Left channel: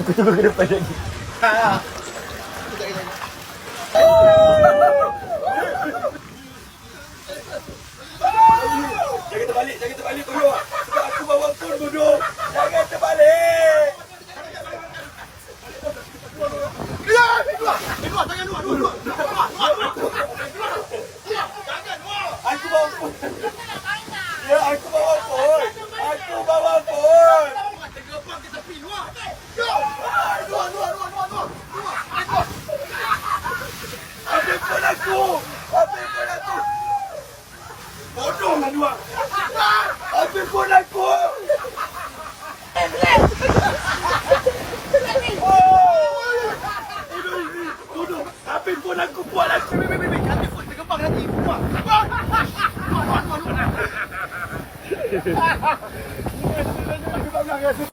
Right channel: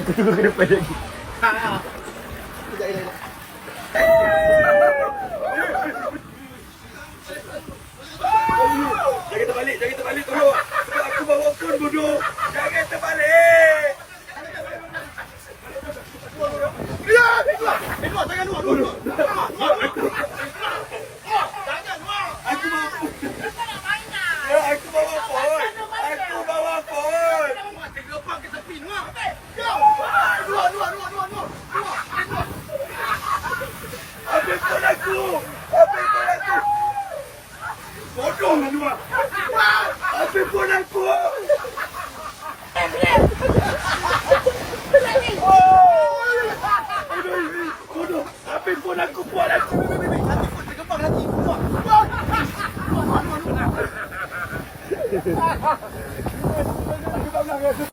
Aku tunggu ke depan lagi. Kejap. Jangan terbalik tolong. Sebab aku bawa phone bodoh. Jangan terbalik. Dua, jangan dua. Aku bawa phone. Ya, aku bawa phone. Tergepak ke tepi, Dua. Ambil phone aku. Bodoh lah Dua. Ambil phone aku. Bodoh. Ambil phone aku, buat aku. Ambil phone tergepak nanti. Dua.